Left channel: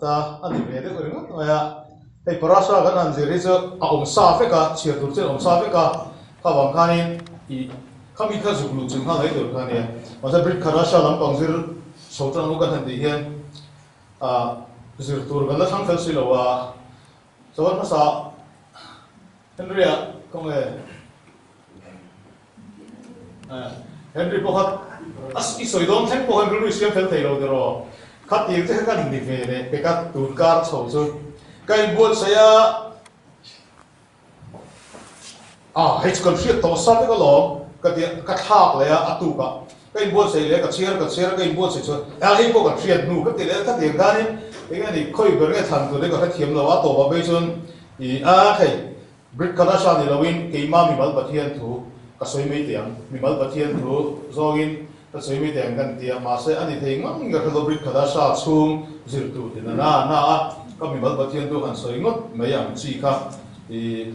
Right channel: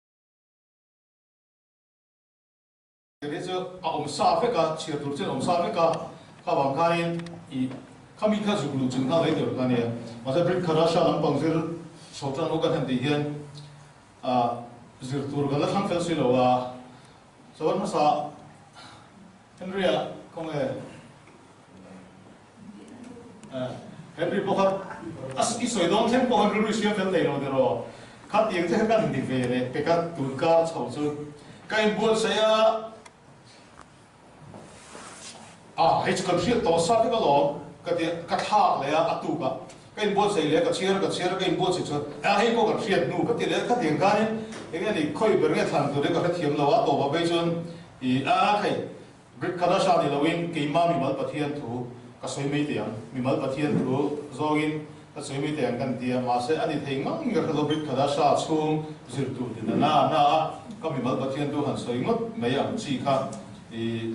ta ani ve de ring ya hei parasa kan an zeri chu a om sa fe ka chia tur chen om sa fe ka wang kanin I kami kha zuklu chung ha lai dor kania masa brit kharasha lam pangzir sotan nu kan handi hian a zir tur gan la thang fel si lo wa so na sa Henrya kong Henry pohat as isoi dom them ko Henry Christian fel thei lo dero khat yeng te kan ni ve ne pe ka tur kar so chu kai bol saya hei chu kan hriat to sa te ka lo ka thak le a tu ka kai bol sei le ka chiar kai bol sei chu hei ko ka hriat nu ka te le ka te ga ni nge ni khoi ber nge than tu le ka thiam lo wa to ba be chun I thei Brit Kadasha ni lawin ke ma mi mal pathian thu ka soi mi tiang mi mal pathian thu zogin ka soi mi tiang kan tia ma se ani thei ngang ga lo Brit Kadasha chung zir tu din na ka mi mal pathian thu an soi ngot me yang chi kha I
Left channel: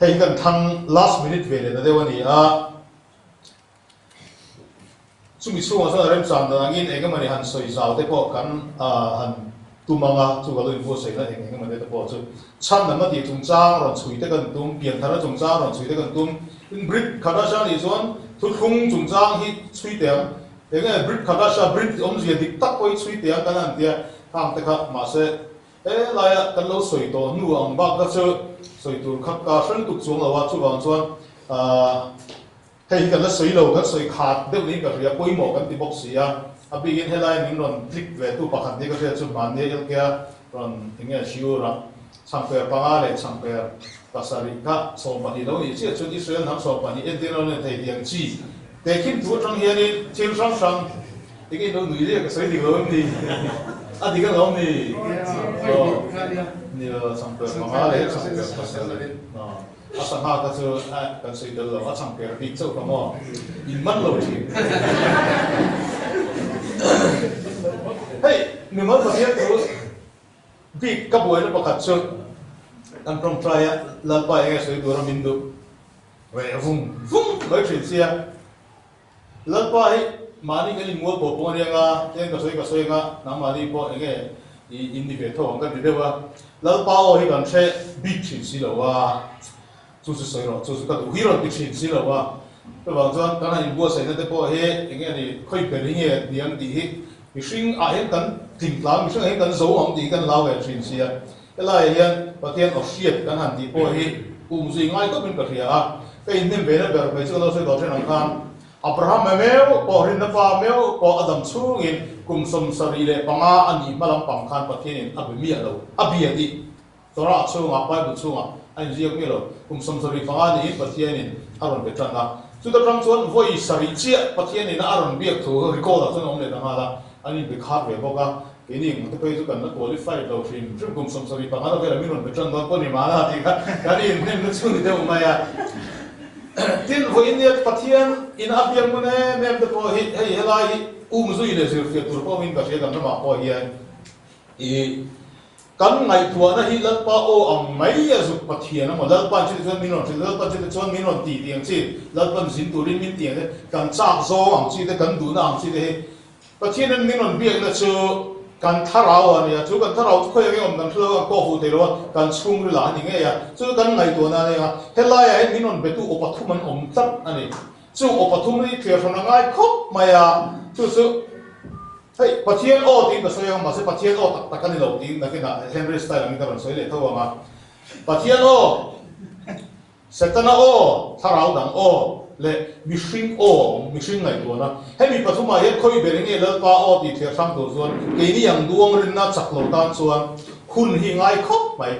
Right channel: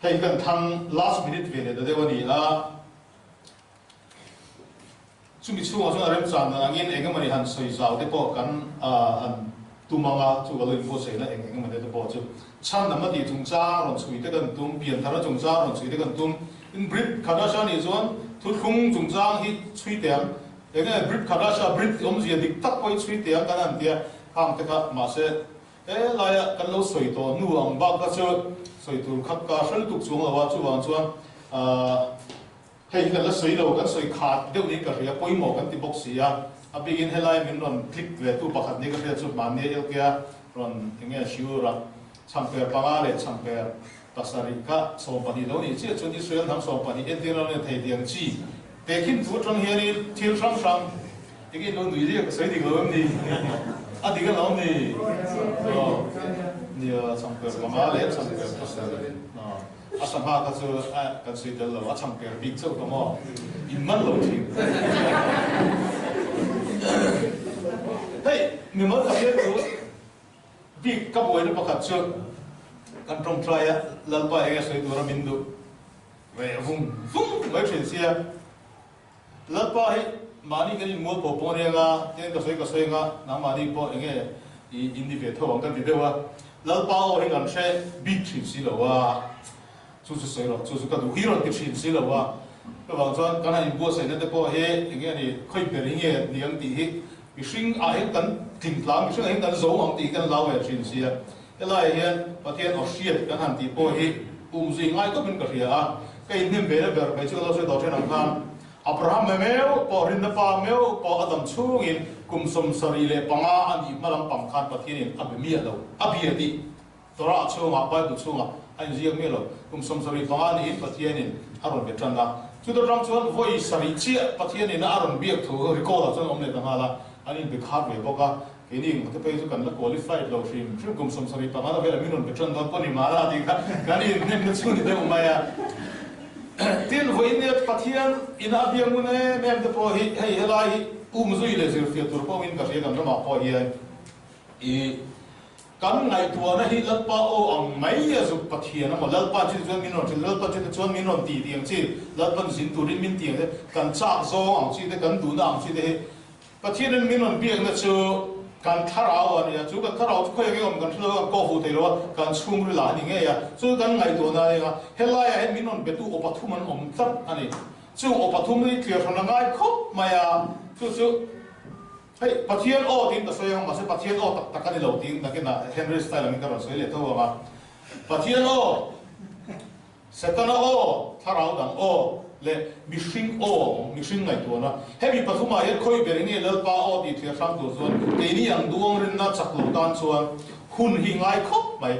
hei kan thang last minute ve le da dewani chumi chunga so rem chan da ngin engamani han soi zau te po kan han tumanga chu ga lo info sei la engamani te po chu cham na ma di tung cha ron chui te kan tum pian thara chung cha ron chui te kan tum in Brit Kadasha ni zon thu thung chung cha hi chui te enga Brit Kadasha Brit om zia dik tak koi chui te kan an dia ham te kha ma se la ya kan lo soi to nu ang ba ka chu soi tur khap ka san tuk chung wa chu wang chuan hei kan la soi lo kan soi khat deuh ni ka ria poi mo kan ti bok sia a begin helai min ron click ve tu pakhat ni ka ria chu man ne el kya ron inge shiura sampai panga le sampai pasari ka so pani lo ni che chu Israel ham so pani en te lo ne thei tiang chi te kin tu tang hian ni thil sang igi no nui le ka soi di lo ni a di ka lo ni yo ni sampai panga le sampai pasari asam ha ka chu kan soi de lo a sampai big chu ka mo in man lo thi hey mi ma ka hian tu big ka boy le pakhat chu kan prom try lal pa ega soi dor mindu ve vum loi thin sia lal pa hi mani kan mo po po ne nga ten ka soi nga na mani po enge in di ve tho ang kan di dewa lal pa o hi kan che big thin si lo wa chu soi ro chu ka du hi ro big thin si lo wa to wang chuan kan in bo sei na te po he enge ni khoi pe ri he niang ti hi mi hring a he kan ting tla mi hring he kan zo ang ti kan la ve thin sia elai hian pathian of shiat kan han ti po hi zui ngai ko min ka ria ke in nem ve ber pe chu lo soi do chen ang kan Abraham meo po rin na pa meo po Adam chungin kum som sari le panga ani malam pam khan pathian in abmi alo abiati tora chunga pa bu chunga an jiak me lo kum som sari panga ni pathian in aron betanga chu da ram chuan voi sari chia pathian in aron biak thu recall chun om le na hala ani be khat ve boka ini mungkin itu kan qualified lo film kum som sari panga lo vela minon betanga ko ni mala ti ka kani nem chu ni de umaya tin ho in net pathian in abyang mune mem de po hi helai zui le sir fitur po min ka se kan ma po hi kan ngai tua na hi lal pa o ang mai ya zu pathian ma lal pa chi chuan minon chi lal pa chi chuan minon ti tiang chi lal pa sin turin min tiang de kan cha zo ang chi de kan du na ang chi de pathian minon biak na chu kan tharau ani chu kan tharau khoi nge om kan thlo ko hu te lo kan chung ri la ni nge ya chu kan ngai to na ya helai ya minon betu o pathuman om tat ani chu o pathum ri clear thona ngai khop maya chu hei pathian o tin ba soyong ma se pathian o tak kan lo tin na ke na Henry style mi ka ron soi le to ma pathian o setana o tharau dang o le mishing ngai to na he mi pathuma he khoi bering e lal pa o ti thia sang to zon ke ni yang duang rin na chak lo dan chuan hun hi ngai khop mai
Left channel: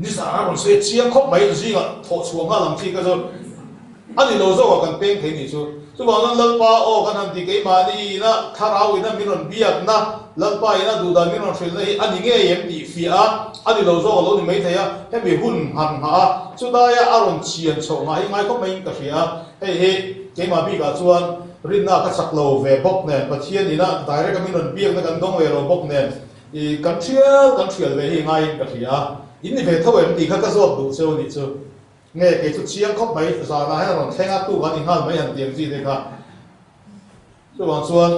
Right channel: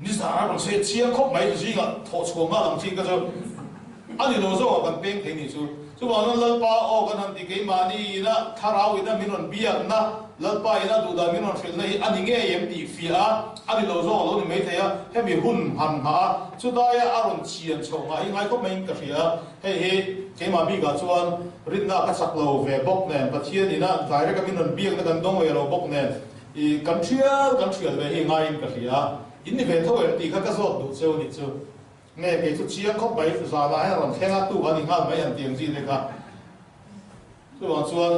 ni sa ron se chiang khop mai ji nga tho chu ma lam thi ka zo ani lo zo kan peng the ni chu chu ba lal pa o kan han ti ke ma ni na tharau ina minon biak na lal pa ina du da minon thil nei ani nge yem ti fia ani lo zo lo ni mai thaya he mi hun han ha chu da ya aron chian chho ngai ngai ko mai ka ria he ke ma bi ga chuan rin na ka sak lo ve bok nen pathian ina direct ka minon biak na kan dong ve ro bok nen I kan thia ve hi ngai ka ria in ni ve tho em ti kha ka zo du chu ni chu nge ke chu chia khop mai za na ha ron thenga tu wa ni ha mai an tiang ji de kha chu wang chuan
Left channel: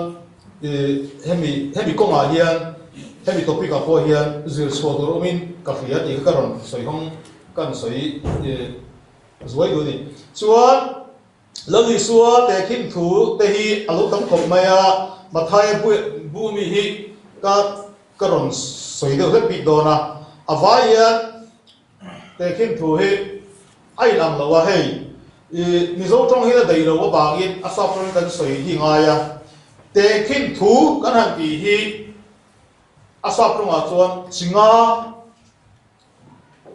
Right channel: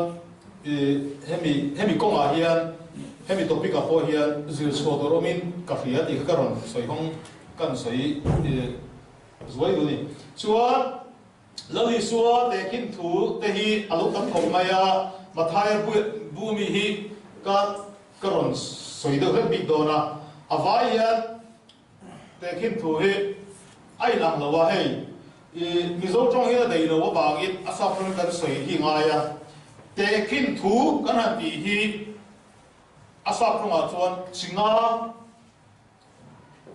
hemi ko ma hian hemi topic ka po hian zir chho tur omin ka hria ti ka ron soi hong kan soi zoi do ni chuan lali suwa te khin thu te hi alu tam khom maya mathai bu mi hi ka ron soi do pi do na avaya te khin thu hi ai lam lo wa hei mi zo tong hi dei lo ba gi asap kan soi hi nga ya te khin thu kan han ti hi asap tong a chuan chinga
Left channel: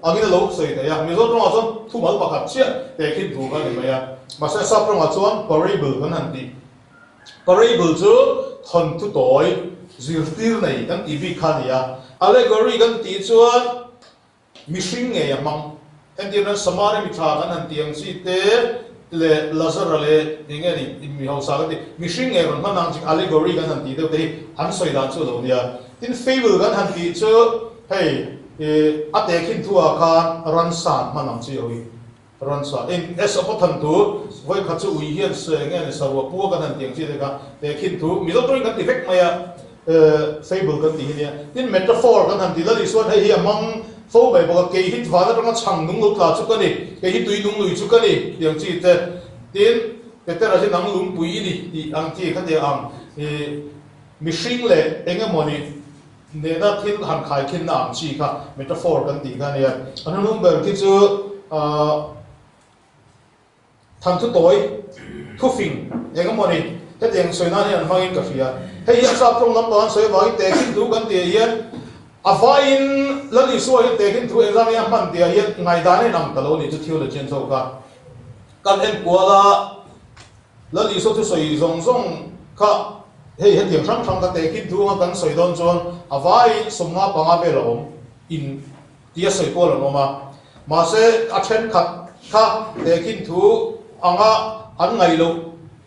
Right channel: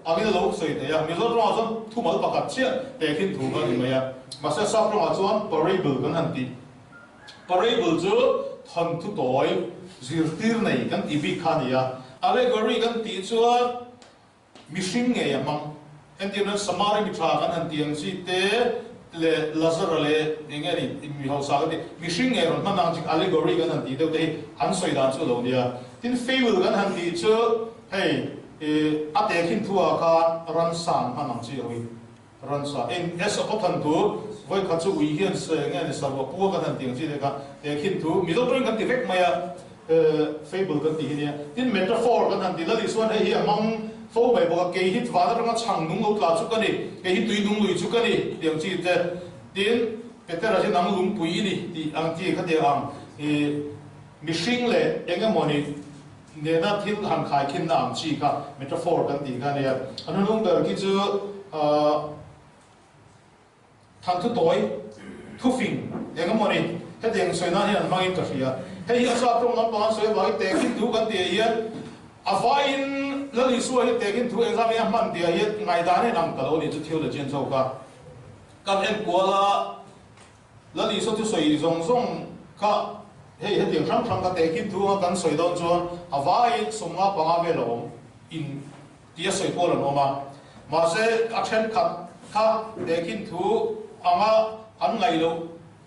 angin lo soi de ya mi zo tong a chuan thu mal ba khat chia te khin thu kan ni ya mà sẽ sắp trong một số parable vẫn hành đi parable chứ thần thu tối duyệt tiêu này đang đi vi khá đi à allegory đang đi chuan missing nghe mong em tiêu nó samare mi thà đang hành tiếng si te le lazar le nghe đi mi hậu sao đi missing nghe còn năng chính allegory đang hành đi đâu đấy hắn soi đàn chỗ đâu nha tin fable đang hành đi chứ hey at để khi thu à khan run san mà năng chỉ rồi run sa in es opathan tu voi khachu ui hian se nge ne sawa pu kan han tiang chi de ka te khin thu mi lo tring kan defect maya fable kan ti hinia tin metaphor kan han ti la li swan hei among fo bai bo ke hit wa na chang nung lo ka chu ka ni ke hi tui nung lui chu ka ni tiang chi te tin peter a je nang lum pui ni ti ang chi kha de am mishing le enga moni ne da thin han khai khin na am chi ka metaphor kan ti ga ne anu nung ber ki chu thằng thứ tối thu phình để cái món này cái tiền soi na này mang in cà phê hay hiện sao trong năm đó soi vào cái tiền kinh thu cái tiền hiện à phải in lần này soi cái tiền kinh thu em ra cái mang tiền hiện ngày đó này nằm tao này chút thiếu là chuyện sao cả cái em qua là lần này soi thu soi rong rong cả hay hiện tiền sang sang cái tiền kinh thu mà cái soi đón chọn à phải sum ma bằng về rồi in tiền soi qua rồi mà sẽ à chen khát khát tiền kinh thu anga an ngai lo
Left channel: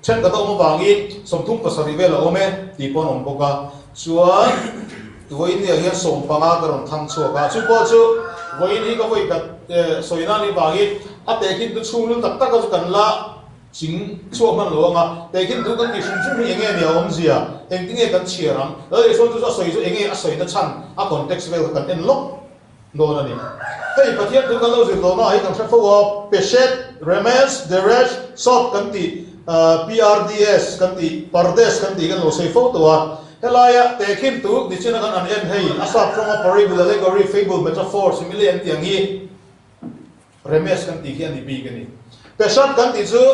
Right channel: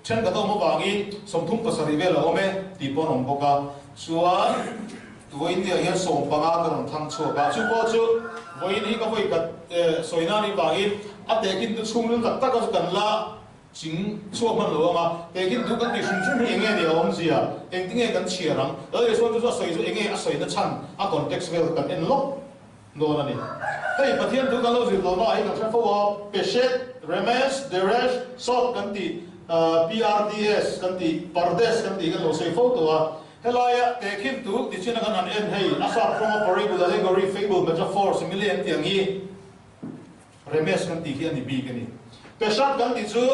chen ka to mo bangi somthum pasari ve lo me ti pon om boka chuan voin ni hian som panga ka ron thang chu ka chu bo chu voin hi ka voi ka soina ni bangi a te kin tu chung lu tak tak ka kan la chính chu man lo nga te kin tu kan ti shum shum hi nge ni om zia eng ti nge kan chiarang le so tu soi chu enge a soi da chan a context vel kan en lo no na ni hei pathian tu kan lo zil lo na ai kan thak fo peshet remes deresh sot kan ti PRDS kan ti pardes kan ti kan lo sei fo to a helaya te khin tu ni chena kan an en hei asap from a parable allegory fable metaphor simile en tiang hi remes kan ti khian ni bi kan ni peshat kan ti chu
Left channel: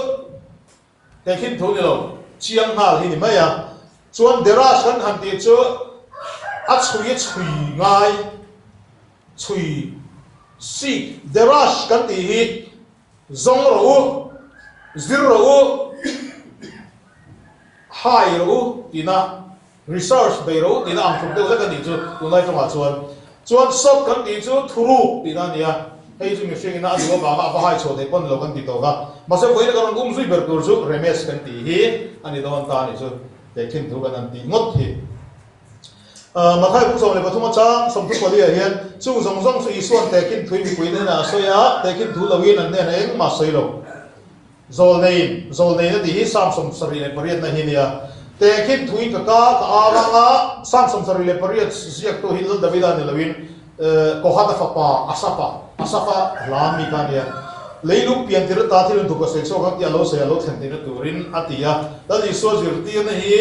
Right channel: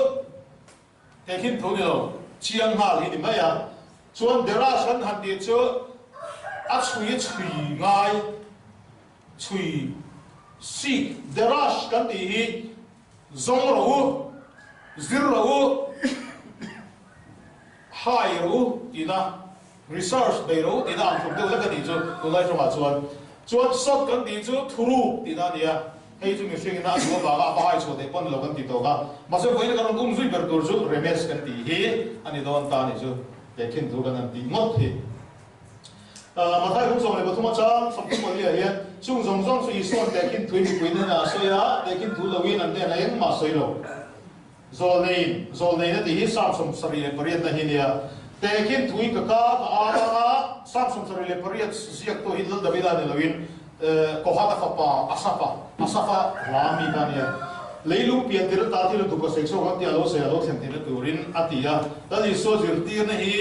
te khin thu ni lo chiang hal hi ni maya chuan derash kan han ti chu a chui ngai chui si derash kan ti hi zong ro zir ro hai ro tina research be ro tina am thuk de la kan ti chu lo lai thwa chuan sot kan ti chu thuru tina nia hei chu mi hring na zo ba ba hai cho de pon lo kan ti to ga ma se voi kan gum zui ber tur chu remes kan ti hi ani don ta ni chu te khin thu kan ti ngot hi mà thay cũng rồi là thua cha xong thức vào đi hiện chung dòng dòng sự xuân để kinh thuế bị quên nên là soi á để kinh thú lâu yên là này mà soi đâu rồi này nó thì sam xong sari này bariat này hinia để kinh thuế cả á sam xong sari này bariat siak tu hin lâu David này lâu yên có hát fa asapa làm mi ta này lấy lúc biển thì ta thì lúc có sự các tia lâu sẽ lâu thành thì nó turin atia đó thì số dữ tiền này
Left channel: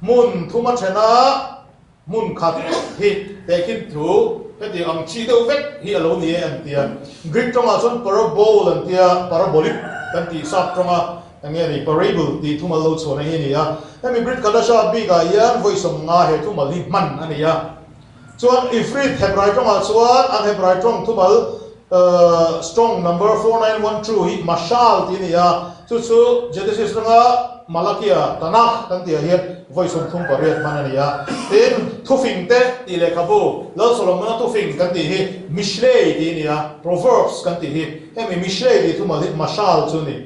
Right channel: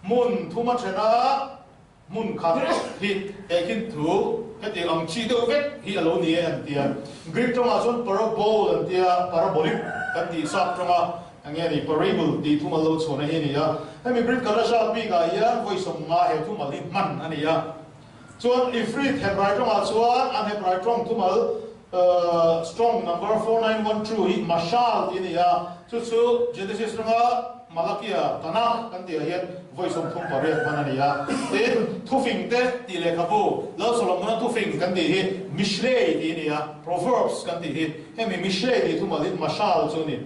mun thu mà chena mun khát hi để kinh thủ cái tiếng ông chi đâu vết hi ở lâu này anh tia Greek trong là son parabol anh tia parabolic cái tiếng sắp trong anh nghe đi parable đi thu mà lâu số này hi à em mình Greek kalau sah bi cái ya voice song nga he thu mà đi man anh ya chuan ifrit Hebrai trong là chuan anh Hebrai trong thu mà strong number 4912 hi mashal ti ni ya chu Genesis trong Malakia Tanakh kan tia hi voice of thum pariat manania tin thufing te ti le khabu lo solomon thufing kan ti hi mishlei ti nia proverbs kan ti hi hemi mishlei ti thuma li mashal chuni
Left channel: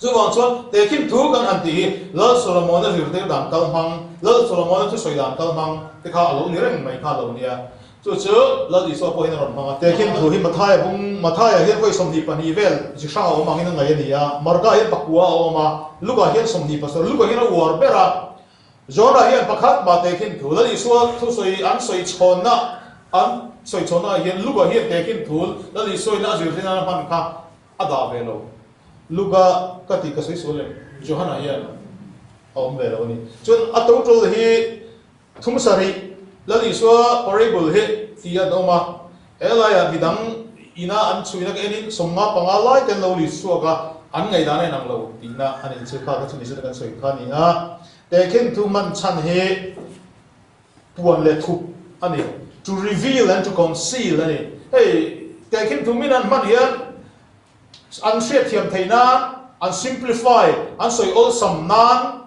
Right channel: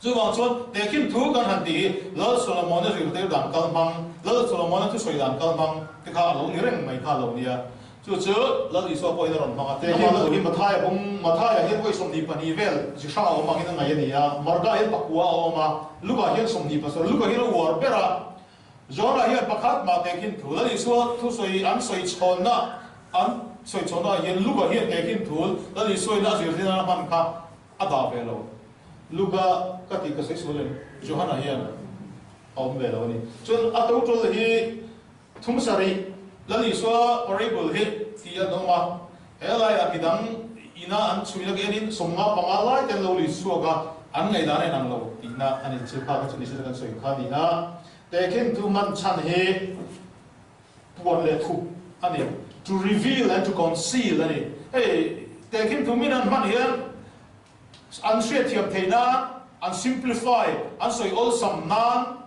chu wang chuan te kim thu kan han ti hi lo solomon ri te dan kal mang lo solomon thu soi dan kal mang te kha lo ni reng mai kha lo nia chu lo di so po hin ron ma te kim thu hi mathai hi voi som ni pani vel chi sha o mang in ngai nia marga hi pakua o ma luga hian som ni pasor luga hi war bera Jonah hian pakhat ma tekin thul ani sual thu soi an soi chona an soi chona hian luga hian tekin thul ani soi na zir thina man kha ada velo luga kati ka soi sole Johanna hian om velo ni chun atong tul hi thum sari lali suwa parable hi tia doma elaya bidang ina an chuina ke enin somnga pangalai ten lo li suwa an ngai dane nang lo tina ani chu ka chu ni se kan soi kha ni na tekin tu man chan he tuan le thu ani to reveal and to conceal ani hey tekin tu min an man hian an shriat thiam theina an simplify an soi all some nan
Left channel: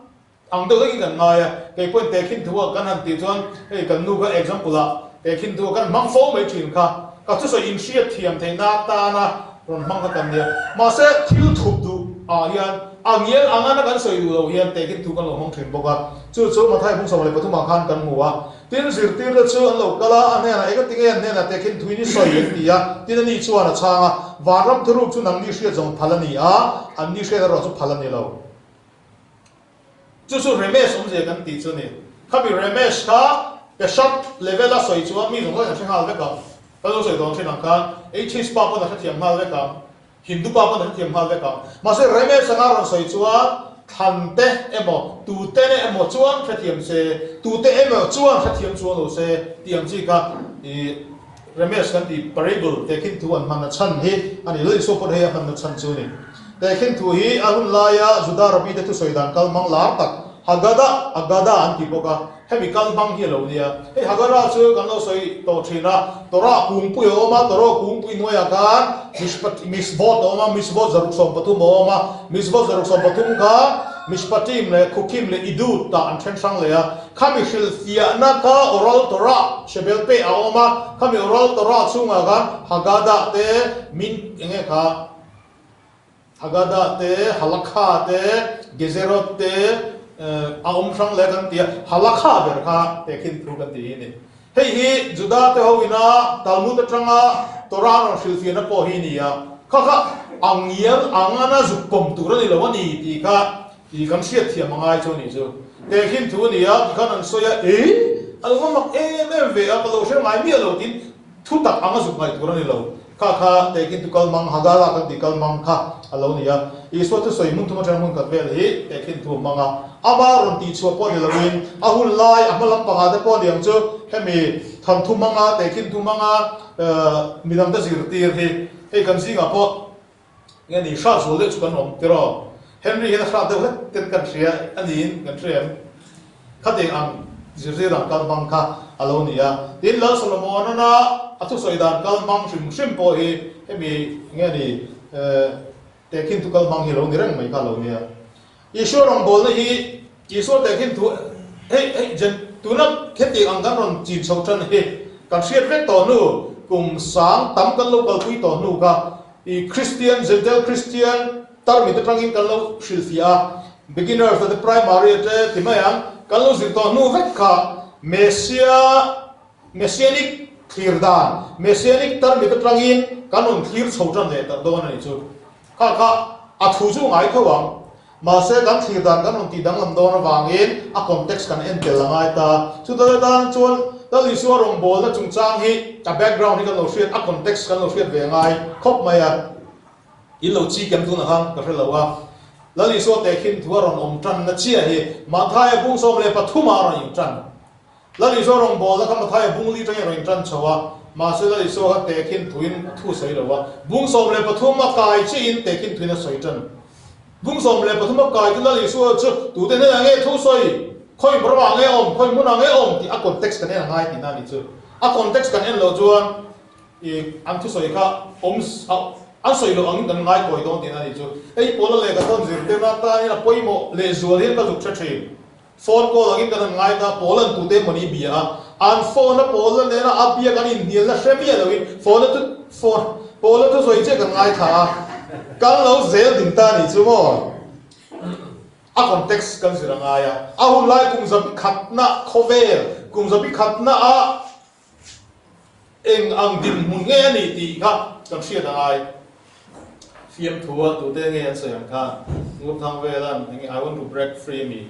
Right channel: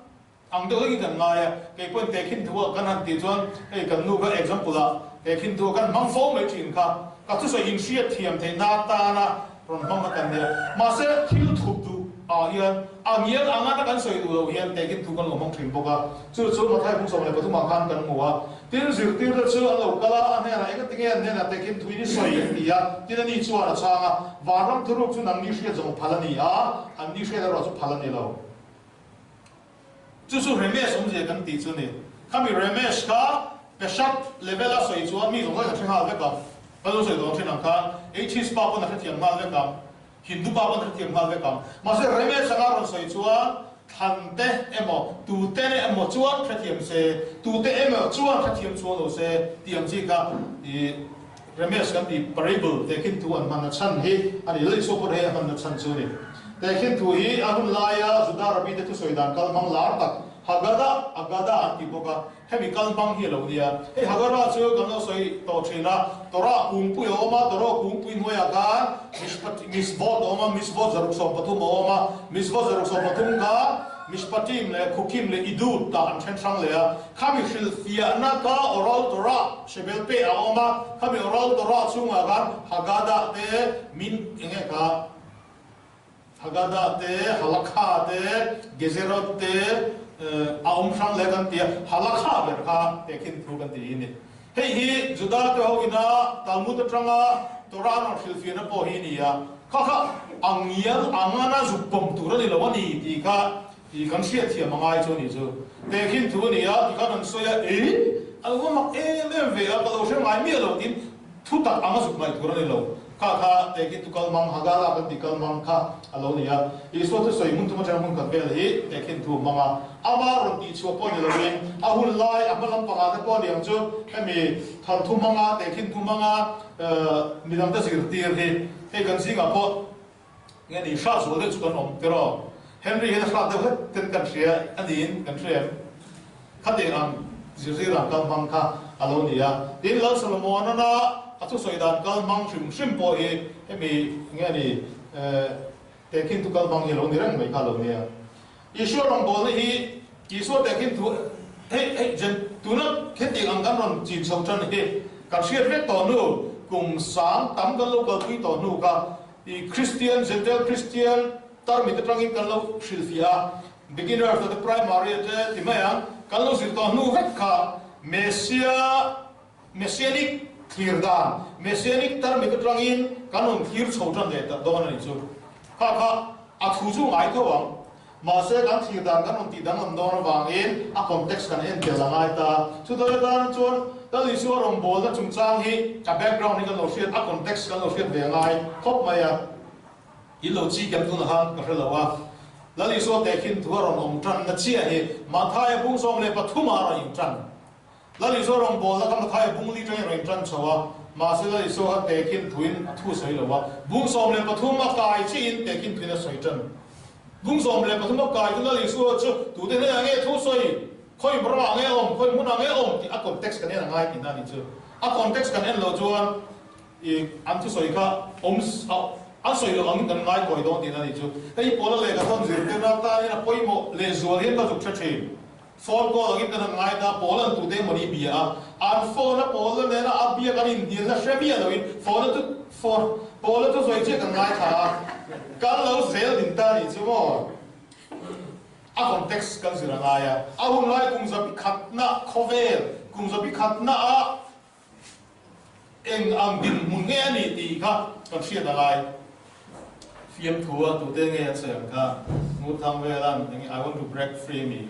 ang do gi kan ngai ke point tekin tu kan han ti chuan hey kan nu ka example la tekin tu kan mang fo mai thin kha ka tu soi in shriat thiam theina ta na ron mang kan dia ma se thil thup du hian angiel angana kan soi du lo hian tekin tu kan lo mong thin boka chu ma thai bung som le pathum khan kan muwa tin zir tir da chu an lo kala an na eka tinge an na tekin tu ni soi yen tia tin ani chu ana changa waram thuru chu nang ni shria jong phalani an ni shria ro chu phalani lo chu remesh om je kan ti chu ni khami remesh kha peshat level a soi chu mi jong la thang hal ve ka lo soi dong thin ang ka his pa pa na thiam hal ve ka Hindu pa pa na thiam hal ve ka ma se remesh sanga ron soi chuan thante emo tu te ne emo chuan khathiam se tu te emo chuan khathiam chuan lo se tiam chi ka I remesh kan ti parable tekin tu an man chan hi ani loi so por he an na chan chu ni tekin tu hi ahun laya juda rabi te tu soidan kal mang lar tak agada an ti boka hemi kal bang hi lo dia he hagara chu kan lo soi to thina tora kung pu yo ma toro kung pu noya kan misbot oma misbot zaruk som patum oma misbot zaruk som patum ka mispatim le kukim le idut ta an chen sang le khami shil fia na ka oral tora shebel pe a oma khami oral tora chunga ga hagada te min enge ka hagada te halakha te gezerot te aum sang le kan tia halakha ber kha tekin thru kan ti ni hei hi juda te ho ina talmud atanga tora no shil fia na po hi ni ya kha angiel angana zupom tu ro ni lo ni ti ka I kan siat thiam mangai chu ni chu tekin thu ni ya kan an soya alwa mak ve a kalo she mai mi lo tin thu tak anga zuk mai tur ni lo kha tekin tu kal mang hagala kan di kal mang kha alo ni ya I so tu soi mun tu ma mun ka vel hi tekin thu manga ama ron ti chu po ni lo in ahun lai amalam panga te po diam chu hemi than thu manga tekin thu manga midam da zir tir he kan singa po nge ni sha chu le chu kan om te ro Henry hian khra deuh ten kan ria anin kan trem khate ang zirziran kal bang kha alo nia tin la solomon na atu soidan kal bang shim po hi hemi nge ni tekin tu kal bang hi lo ni rang mai ka lo nia Ishwar ong bol na hi Ishwar tekin tu hey jen tu na kheti ang kan ron chin chho chan hi kan siat ve to nu kum sang tam kan lo kal pui to nu ka I Christian Gentile Christian tar mi te tangin kan lo shilfia beginner for the primary te timayang kan lo zir to nu vek ka messianic thirdan messianic tar mi te tangin kan on thir chhotan de ta don ani chu kha athu chu ngai thawang ma se kan thirdan kan on ti dang lam don wangin a context kan en tel langai ta chu da dan chon ta li suar ong bol na chung chang hi a background ni kan lo shit a context kan lo shit ve ngai khop maya in lo chi kem tu na han ka hre lawa lali so te khin thua ron om tran na chia hi ma thai bung som le pathuma ra yin tran lali so rong bol la ka ma thai bung li tang yin tran chawa ma se lali so ha te khin thuin thu sai lawa bung som le pathuma kai chi in te khin thuin sai tran bung som le pathuma kai tu lali so chu tu te ne nge thu soi khoi bra nge om khoi mun nge om ti a context kan ne ngai ti na ni chu a context kan en lo chuan I am thu soi ka om an soi lo ang kan ngai koi don tin ani chu ei pol le ka don zir te na ta ina poi mo le zual hin ka zuk che phone ko angin kan ngai na pol an tu te mani bia an phone na pol le na abia kan in dil na shemia lo in phone pol tu soi che kan ngai tha kan lo zel din ta ni chu mo a context kan sira ngai a hum lai kum zabi khatna khovel kum zabi khatna a eng ang din mun nge ni ti kha kan sia da ngai fiam thua tu te nge sayang ka ngup thang velan I want to break free me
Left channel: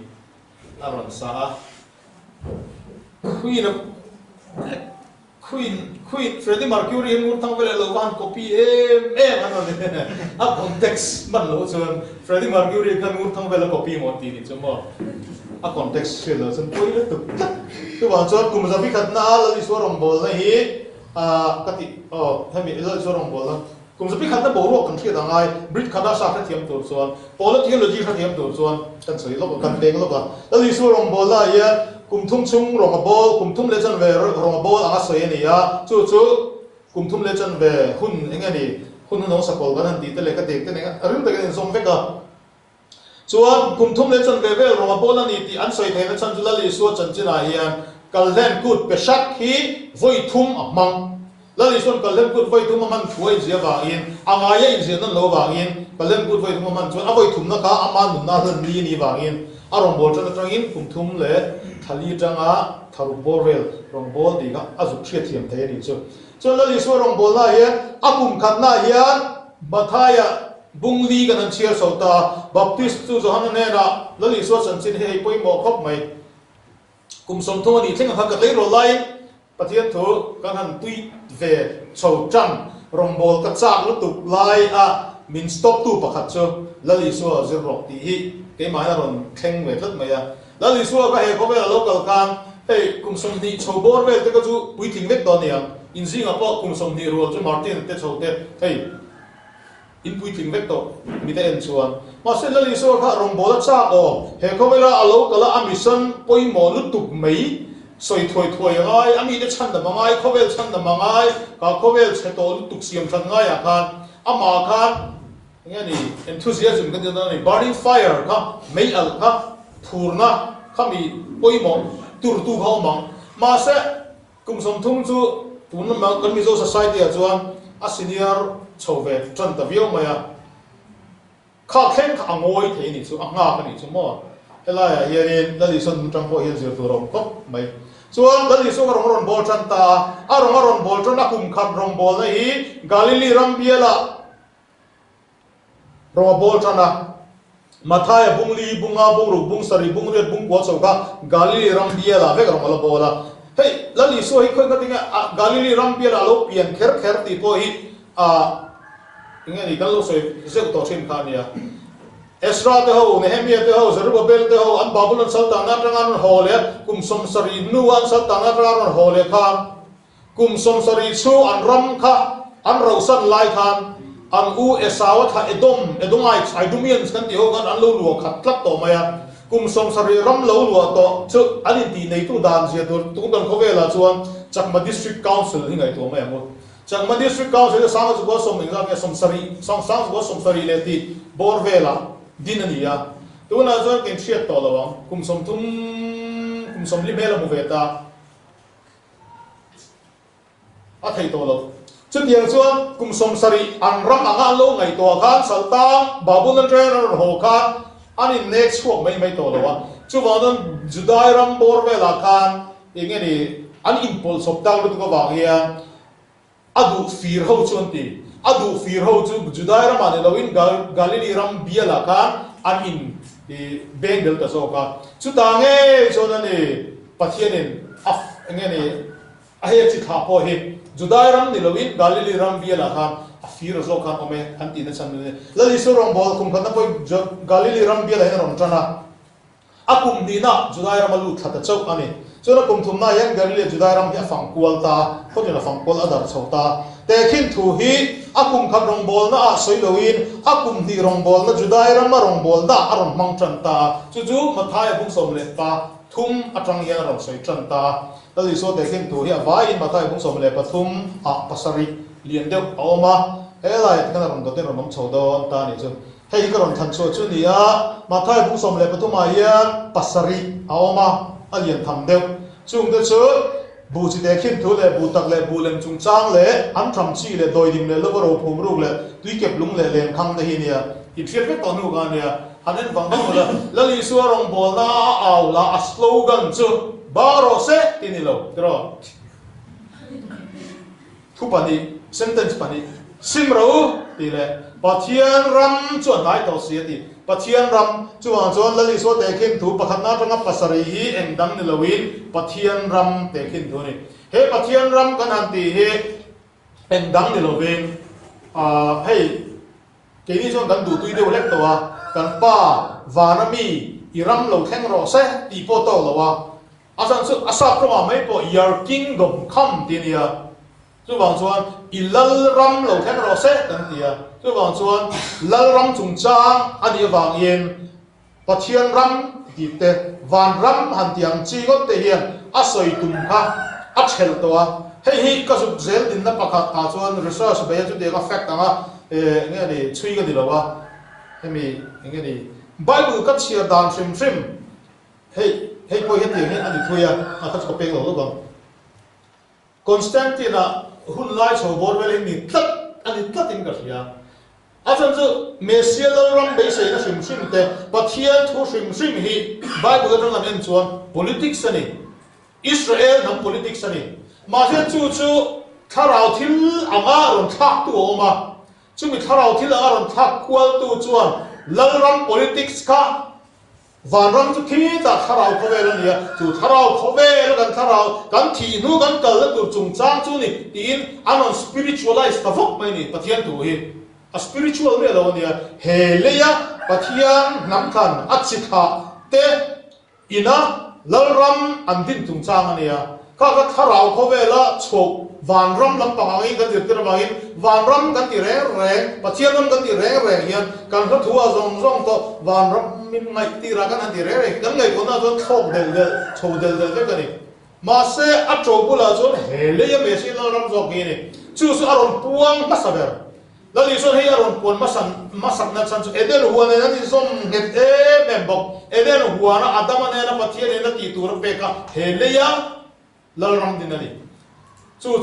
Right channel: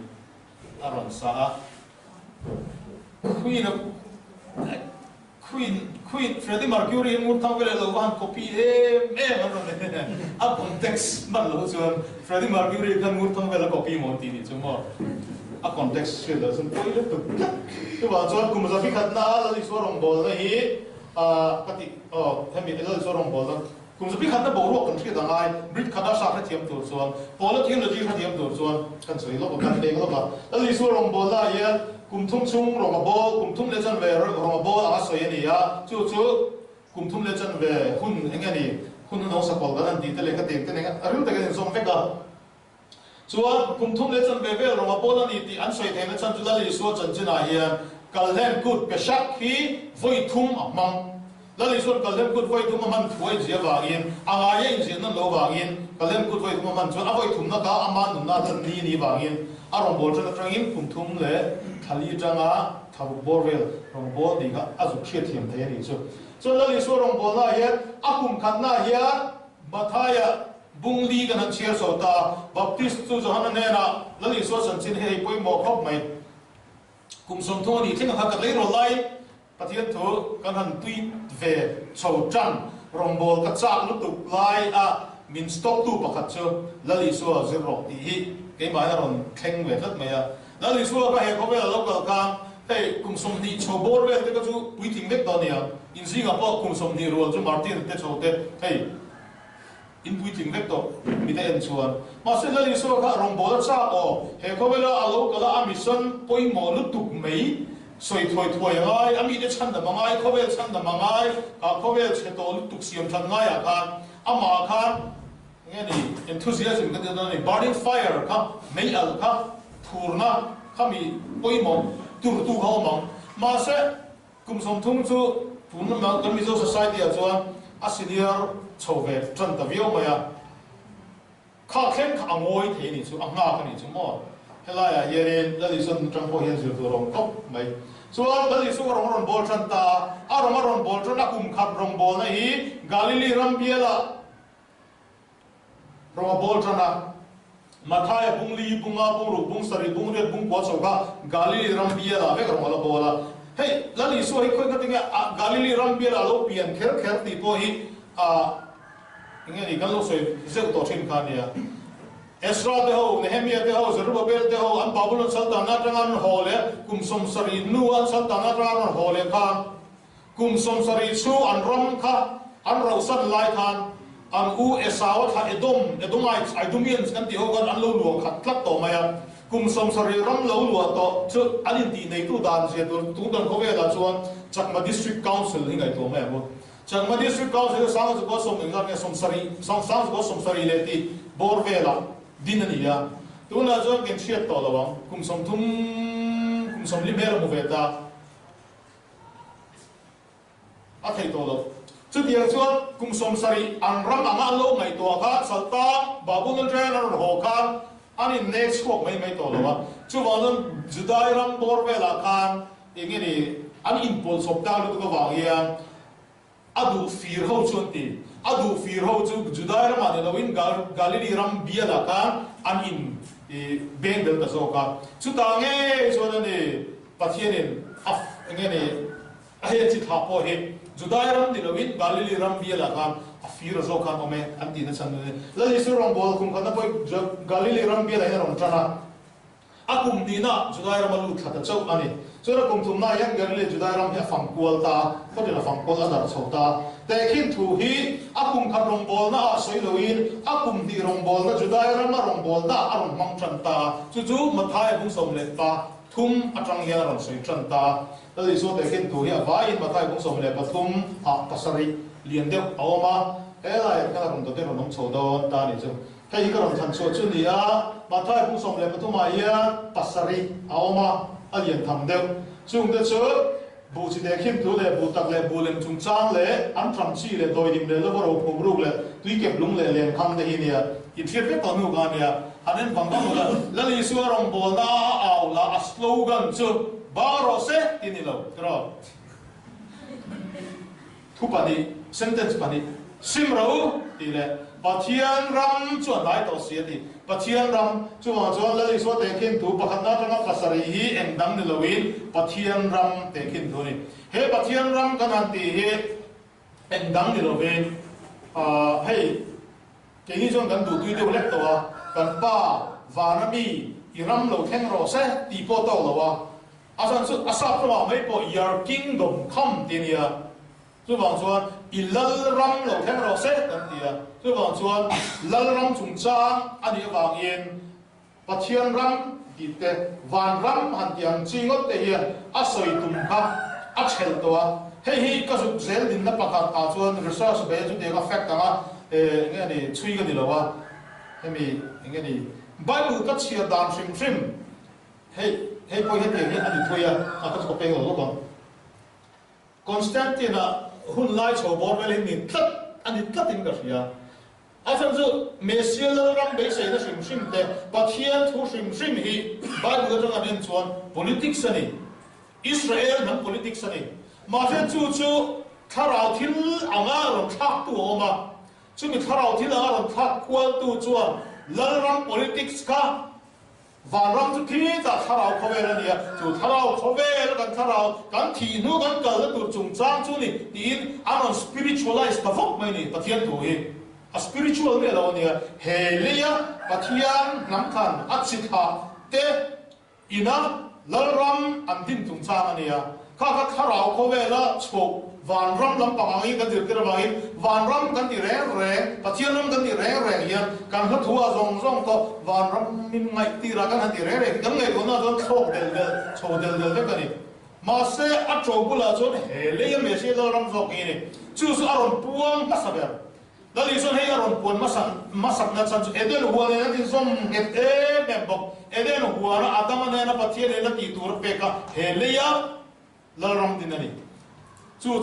aron sa Queen Freddie Mercury in mur thang vele lo wan copy an ne a context man lo chon Freddie Mercury kan mur thang vele copy mon ti ni chumo a context se lo chon poi le tu wa chon kum zabi khat na la li so rong bol na hi kati hemi le so rong bol kum zabi khat na bo ro kan thia dang ai brit khada sa kha thiam to chon pol technology kha thiam to chon kan soi lo kan deng lo ba la li so rong bol la ya kum thum chung rong bol kum thum le chan ve rong bol a soi ni ya chu kum thum le chan ve hun engani hun no sa kol ban di te le ka dek te ne arum te kan song ve ka chuan kum thum le chan ve ve rong bol ani ti an soi the na chan jula li so chan china hian kal hen kut pe shak hi voi thum amang la li so kal hen kut voi thum man thuai je wa in anga ye in je na lo wa in kal hen kut voi thum man chuan a voi thum na ka aman nu na han ni wa in a rong bol chan atang in kum thum le thali janga tharu borel rong bol di ka azu thia thiam the ri chu la li so rong bol na ye akum khat na ya bathaya bungli kan an chiar so ta baptist chu johan ne na la li so san chin hei poi mo khop mai kum som tho ni thing kha ka lei ro lai pathian thu kan han tui ve chho chan rong bol ka chak lu tuk lai a min stop tu pakhat chu la li so zir ro ti hi ke mai ron thleng ve tlat mai a la li so ka he ko ve local kan hey kum som ni chho bor ve te ka chu pui thing vek to nia in jing a po kum som ni ro chu martin te chho te hey in pui thing vek to mi te en chuan ma se la li so kha rong bol cha o he ko ve la a local a mission poi mo lu tuk mai soi thoi thoi ngai ami te chan da mangai ko ve chan da mangai ka ko ve che to lu tuk siam than ngai a kan ama khan nghe ni enthusiasm cái đó này burning fire ka mấy al ka thurna kami poi mo tur tu ho mong ma se kum som thung chu tun ma kan mi zo society a chuan a senior chove tran ta vio maya kha khen kha ngoi the ni chu anga ka ni chu mo hela ya yerin la li son tram po yen zir tu rong kop mai chuan la li so rong ron bol tran ta a ron bol tran a kum khat rong bol na hi Galilee ram biela rong bol tran na mathaya bungli bunga bungru bung sari bung ret bung kwa chauka Galilee ram biela ve rong ala bola hey la li so hi khoi ka tinga Galilee ram biela lo pian kher ti po hi inge ni kan lo soi se ko to thin kha nia Ezra te ho Nehemiah te ho Zerubbabel te ho an Babylon sal ta na rangan ho le kum som sari nu an sal ta na rangan ho le khan kum som sari chu an ram kha an rosan lai khan an u esawat ha edomai idumians kan ti ho kan an lo lu khat tlak to maya kum som sari ram lo lu to chu alin ti nei tu dan je tu dan ko vela chuan Chakma district council hi ngai to maya mo Chakma district council sang chu ko som inga ke som sari sang ko som sari le ti bor vela dinania tu na zo ken chiat to lawang kum som li mela mo veta a thei to lo chu tiang chuan kum som sari an ram anga lo ngai to khan salta Babylon trainer ho khan ani next walk mai to lo wa chu wanon judai ram bor vela khan inge ni an impulse of dal to ko wa ya adu fir ho chuan ti adu fir ho chu judai ram ane lowin Galilee ram biala khan an in bengal ta so ka chu ta nge chona ni pathianin af nge ni a he chi tha po he judai ram ni lowin Galilee ram biala khan a fir zo khan ome an ti na chan ne la li so rong bol kum khan na poi Galilee ram biala he rong chana akum ni na judai ram lu thata chau ani so na kum thum na yang Galilee judai ram ya fang kual ta ko ni la fang kual adar chau ta te khin thu hi akum khat rong bol na a soi loin akum ni rong bol na judai ram ma rong bol da aron mang chan ta chu mathai bung som le pa thum atang ya rong soi chan ta la li so te khin thu hi vai in mathai bung som le pa thum a pasari lien deu awma helai kana rong to te rong chho do ta ni chu hei ka ron than chu ni a mathai bung som le pa thum a ya pasari awma alien tham deu chung te chu bu chi te khin thu le bu tak le bu lem chung chang le an tham chi le doi dim le lo ro phum ru le tui kep lung le lem khang de hi nia i phiat pe to nu ga nia hanen bang bang la li su rong bol na aw la a slogan chu baro se tinilo tro thu pani sentence pani sim ro ti le pathian ram chuan lai to sia ti pathian ram chuan lali so te khin thu pakhat na tanga pasari hi engdang ni loin pathian ram te khin thu ni he pathian ram kan an ti he engdang ni lovin hei ke ni chuan kan du tui de lek to wa kan pa vanami iram lo theng ro se ti po to lo wa asan su asa pro mai po your kingdom come ti ni a chu wang chuan ilal ram lo theng ro se kan ti a chu wang chuan lal ram chung chang ani wang yin pathian ram ti te van ram han tiang chi got te hian a soi tum kha a chhel to a hei ka su zel din na pakhat ka chuan research be chu de ka fact anga nge ni chui ga di lo wa hemi nge ni Bible ka chia dan trim hei po hian ti ani thuia a ka ko pe lo ko Constantina hun lai cho bor vel ni tlat ani tlatin ka hria asan chu mesial ram be sei na shim te pathian thu shim hi Bible ka ngan en chuan politics ani Israel nam politics ani ma se chu tharau thil anga ron thak tu oma chu mi tharau thil anga ron thak kwal tu chuan lalram politics ka vanram chu thi ta tharau khovel ania chu tharau khovel kan thi nu kan kal tu chung chang chu ni tin anon spiritualize ka vok mai ni pathian tu hi a spiritual me lo nia heleya pathian nam khan achikha te ina lalram andin chung chang ania ka tharau khovela chok van ram lam pangai kan dir tir bangin van ram kan ti reng pathian ram kan ti reng hian kan ha thua zong to van ram min ngai ti ra kan ti reng kan ngai kona zon thok del kan ni ma se a chobula zon hele ya me si ram zok ni chu su aron puang pasaber lali son he aron pon masak na chan chu edel huane na ti som het membok edel huana adama na pathian na ti tur pe ka hele ya lalram dinani chu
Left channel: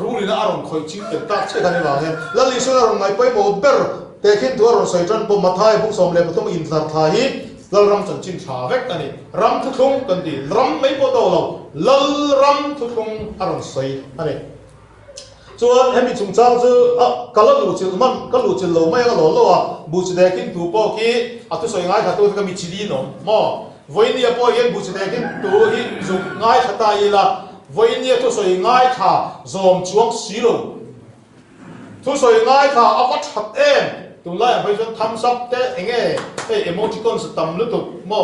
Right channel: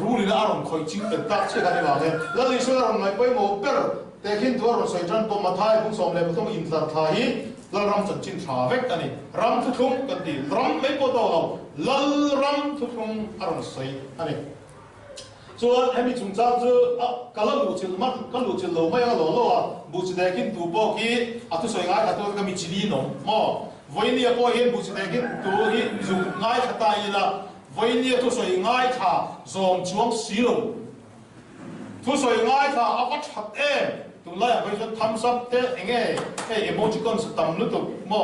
ruli na aron khoi ching ke tak che khani wa he lali su aron ngai poi mo ber te khin tu aron soi tran po mathai bu som le pathum in thar tha hi lalram chan chin tha vek ani ram thu thum kan ti ram mai po to lo lal ram thu thum aron soi ani chuan hemi chung chang chu kala lu chil man ka lu chil lo mai ga lo bu chi de khin tu po ki atu soi ngai tha tu ka mi chili no mo voinia po yen bu chi de khin tu hi zum ngai thata ila voinia tu soi ngai tha zom chuang si lo tu soi ngai tha apat that em tung lai bai jon thumbs up te enge te emoticon tam lu tu mo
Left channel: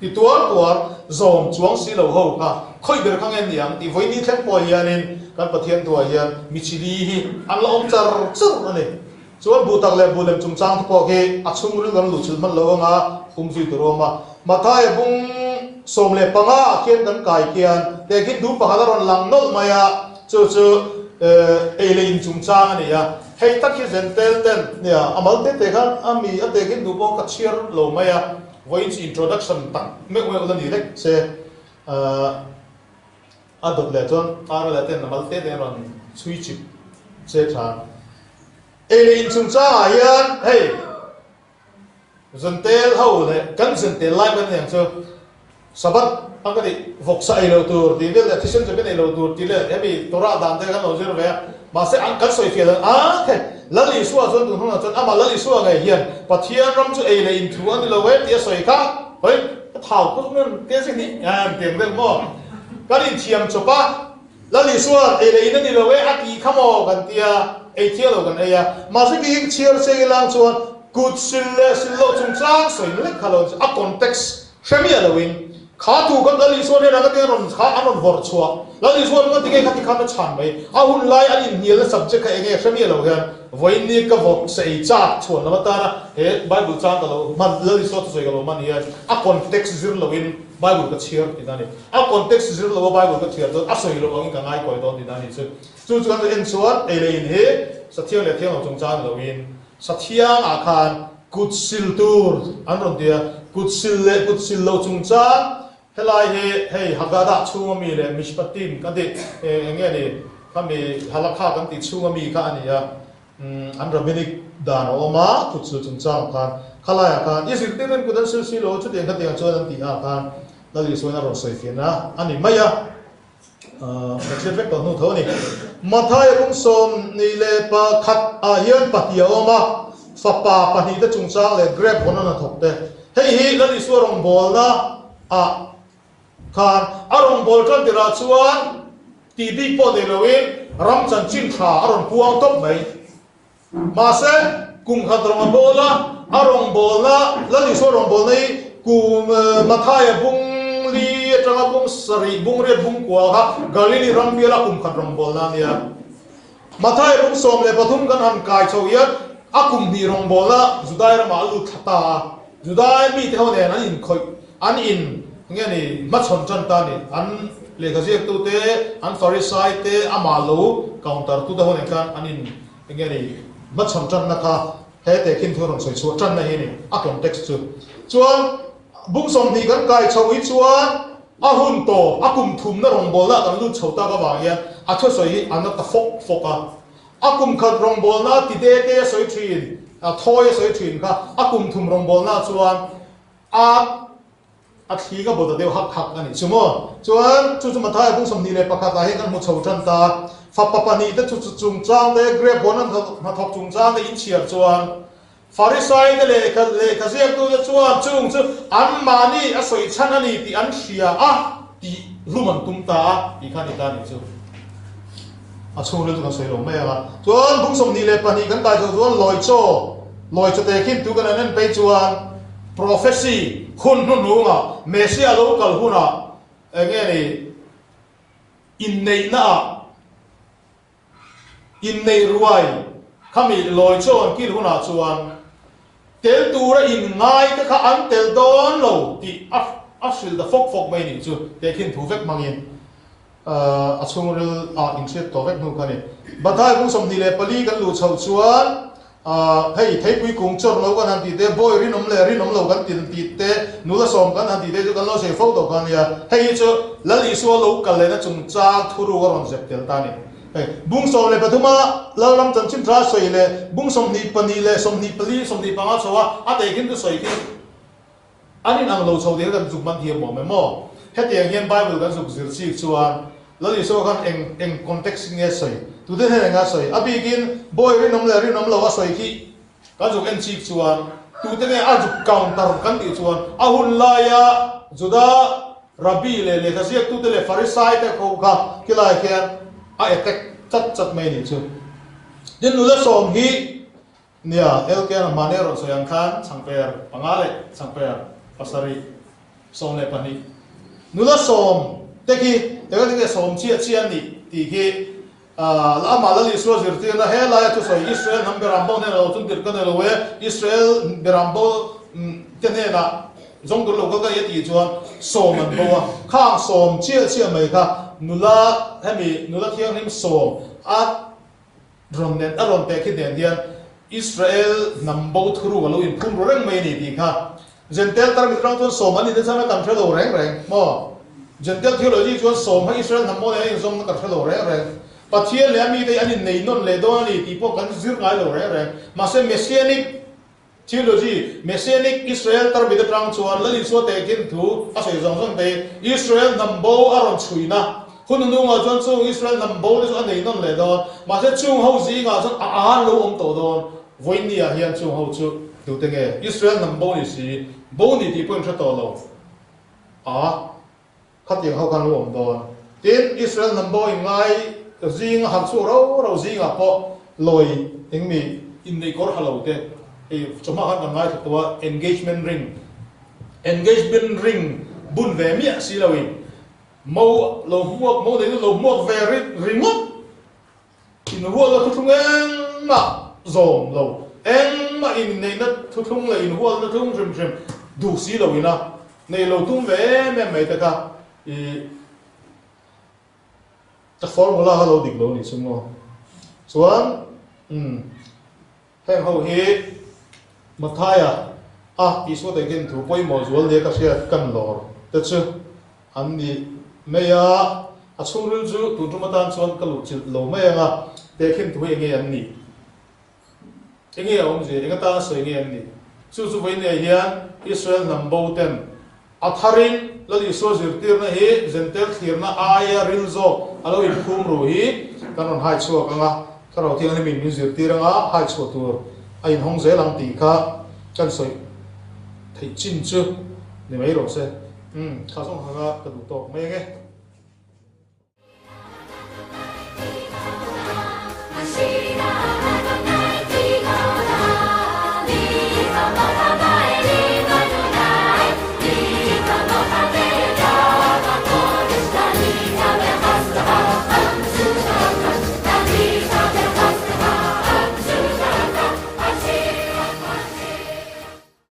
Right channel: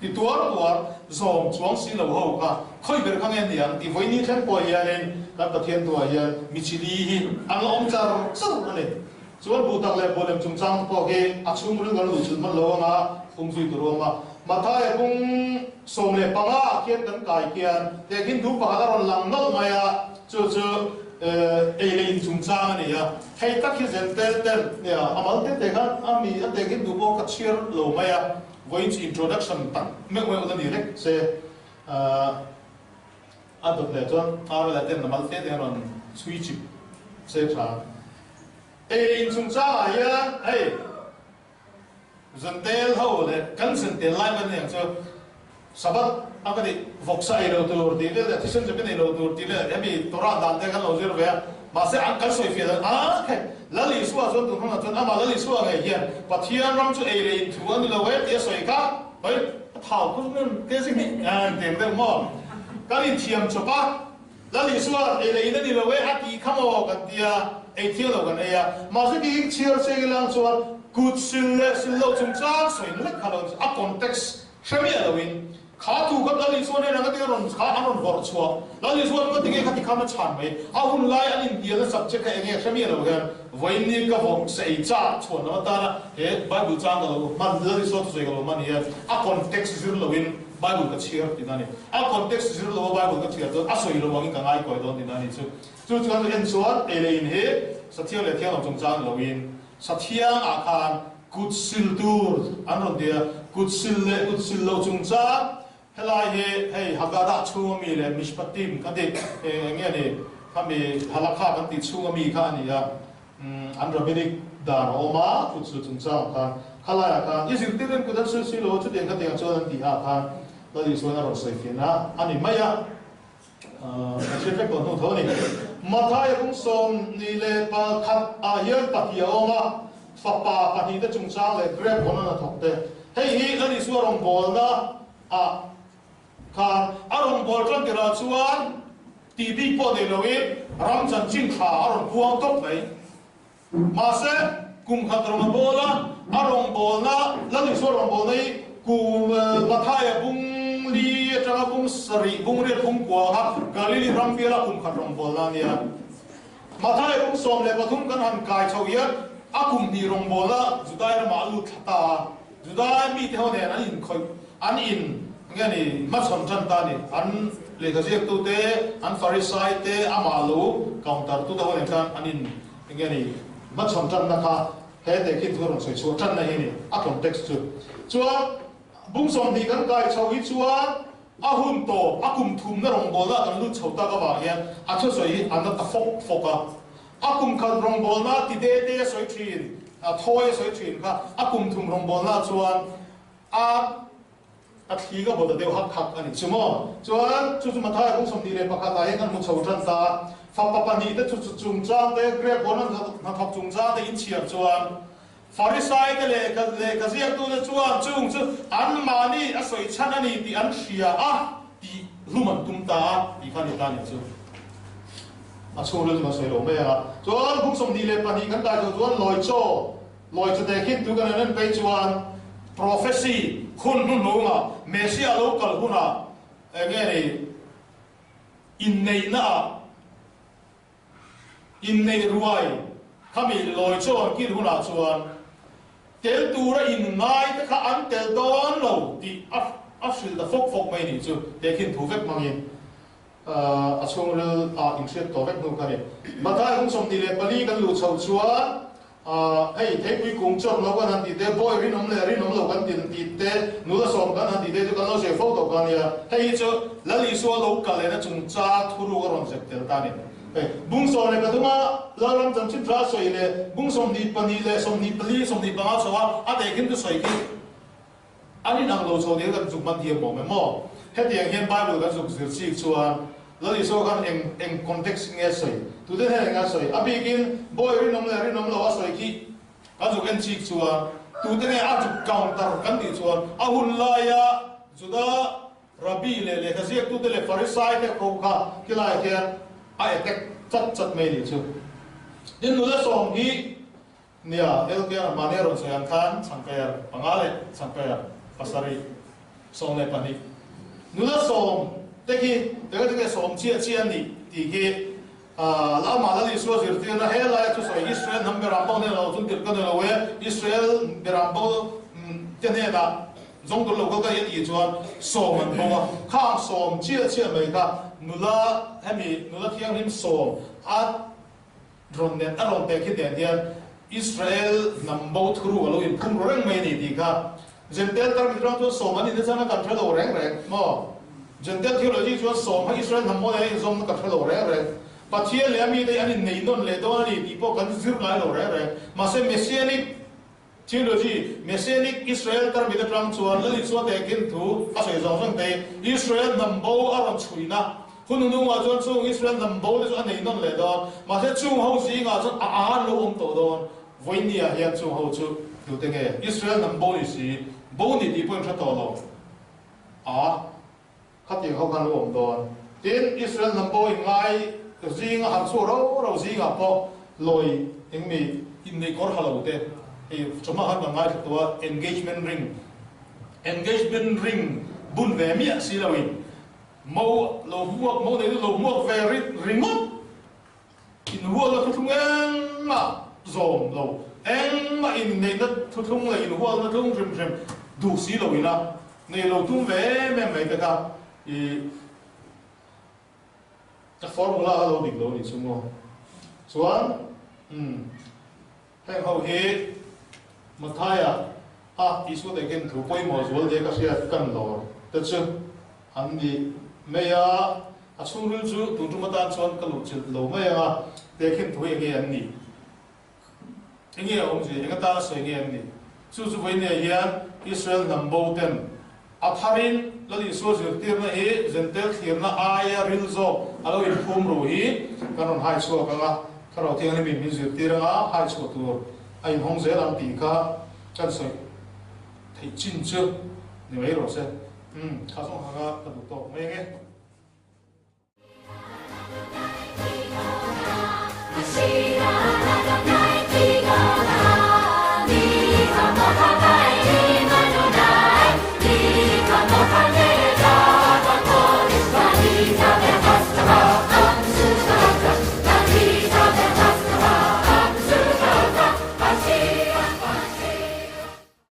ti tuar zom chuang si lo ho ka khoi ber khang en yang ti voini thlen po hianin kan pathian tu hian michili hi ang om char ani chuan bu tak le bu lem chung chang po ke achung ru gan lu chil man lo nga zui tu ro ma thai bung som le panga khian kan kai kian te khin du pa halaron lang nol maya chu ele in chung chang ani ya hei tak hi zen ten ya amal te khan ami ate khin du po ka chiar lo maya voice introduction tak me udan direct se adot le ton ara le ten namal te ron switch se tha ele in chung chang yan hei zentel ho le kan zentel lai ban yang so sabat angkadi voksa ilo tur ti le thisen je ben ilo tur ti le emi tora dan te kan lo zero ve ma se an kan soi fiel ke lali suwa zon tu hona zon ama lali suwa ngai hian pathian ram chu ele in thu an lo we ti soi ka hoi thau ku nun ke sing ni tiang de mo kalin thiam chopa lali suwa ele in ni lo we ati khamo kan tia e thielo kan aya ma se ki chiar se lang chuan good sille chung chang soi le khalon a context shami alawin khá tu kan lali suan he na ka ron kha anon vor chua lali suan ka tinge ka ti khan na chan mai a hun lai an in nial subject ka enge shami lo gan voini ka vok sei cha chuan na ta na he bible cha ka lo man lali suan tu soi ka lo man hian a context zir lo in bible ka chiar ti dani a context zir lo bible ka chiar to a soi lo wang ka ngai koi don ti dani chu kan en suan ele in he sathiang le thiang chung cha lo in sathiang a khan good sil tur an ron dia good sil lo chung cha helai he hagada chunga mi le mishpatim kan ti enge ni kami halakha kan ti chunga mi ka ani ya an rabbinic dan oma tu chu chung chang kan khalaya kan isir teren kudan si lo chu den kan ti chuan ti ha kan dali suana ro soi fiana ani maya che vek ko no thoni Mathai cũng som ni le pa khat hian pa hiaw ma fa pa hi ta chung chang le grab on na thok te hei hi la ni su rong bol na khan arong bol tran tira chuan tv po de lowin ram chan chin kha aron puang top mai ma se kum khat rong bola arong bol na la ni su rong bol nei kum Mathai bung li atanga bung sari bung re bung kwa ha galili ram biala kum khat rong bol na nia Mathai bung som le pathum kan han kai chawiyat akum ni rong bola judai ra ma lu thata judai mi te ho ne an in khoi an in nge ni ma chon chan ta ni an le ka je tu te an farisai te amalo counter tu da ho ne kan an in nge ni ma chon chan na kha he te kin thorong soi chu chan na hi ni a context chu chuan bung som ni kan kai chawi chuan ahun to akum thum na rong bola kan lu chhota ka ba ya a tho soi an ta fok foka akum khat rong bol na ti de te soi thin a thoi soi thin kha akum thum rong bol na chuan a thi ka boda deu hak hak ani chumo chuan chu Mathai bung som ni le pakha ta he kan mu chho chan ta fa pa pa ni te chu chung chang te grab bonan ma thok chung chang te in chiar chuan Farisai te le ka ziak tu te chuan chung chu an mani a soi chan ani ti an thria ti luman tum ta ti khan ni ta ni chu a chung le tu ka soi lo me a chuan bung som ni le pa ni kan tai chuan loi cho te khin tu kan nen pe chuan prophecy hun nu nga mesia local huna nge ni in nei ruai khami loi chon kin huna chuan tel tura in ngai ka kha an tel don lo ti a sil da fok mai ni chu te khin thu vek mangin a chung rel in set to vek nu ka ni Mathai bung som ni le pali kan lu chho chuan hei thei pui kung chor lo kan han ti te boy rinom lo kan tin ti te nula som kan han ti te kan lo se fo to kan ya hei chu lali su lo kal le na chung cha thuru ron zep tel ta ni bung som le pathuma lalam chan chin tra soi le bung som ni pani le som ni pali som ni panga chawa a te kin tu soi ki ani nang lo chho de kan zuk man thiam mo me mo he tiang hian bible kan zuk zir chi chuan lali so kan eng context nge soi tu de he nga soi abigin boy rinom lo a soi ki kan zuk en chi chuan tu de a zuk counter kan ti chuan a hun la ya juda rabbi le ka siak tu de le farisai te ko ka kilai khian a attack chat mai ni chu din nu la som hi nia el ke na manero so yang khan changper pangale changper pasari som le pani nu la som te ki te ka som chi an ni ti ki la ma la li so zir ti na he la tu so Israel number ambo ne lo tun dir kan lo we Israel berambo te ne na zong du lo ka ye ti chuan som an bo khang som chi mai kha nula thiang nim som a ron te ki den dian Israel nambo thuru lo in phum reng mai ni ti kha gentel tar mi rong tu som ani de chana kan thelo reng mo gentel theology chu som ha Israel nambo ne zong kan thelo reng pathian le mi de ani nei non le do ani ti po kan zir ngai lo reng ma se messianic theology messianic Israel tar mi de trang chuan la li so te kin thu a sei zong te Israel nambo aron chuina hun nu nga chuan chung Israel nambo le so nei non le do ma se chung ho zi nga chuan a lo om to don voinia hian chung ho chu tu te nge Israel nambo ni si bo ni ti point tha to lo khat yang ho kan lo om don tin Israel nambo in ngai zi nga han chu ro zi nga po loi eng mi in nei kor halo te choma han ngai to engagement ring bun ve mi si lawin mo lo muak ve ringot in huwa lo thu eng ma zom lo eng ma in nei na thu thung la in huwa na thung rim du si lo ina nei lo tum ve me mai ta ka ta formula ha lo dik lo ni sumo chuan heng ho he Mathai ti so te gen thu poi mo zual de ka sia kan lor ta chu an ni meya a churul chu tu matan chuan ka lu chil lo me nga te khin thu nge an ni enge ong je nga ta so nge an ni chu chu voi ne hian Israel nambo ten atharin ladi so zirtir na hi zentel thir na aya rilzo alo in phum ru hi kanon hai chu ka nga karo thiang ni min zirtir nga hai chu tur a in hong ze lang ti kha kan soi thei chin chu ni mai ro se kha song ha ga ka du to mai nge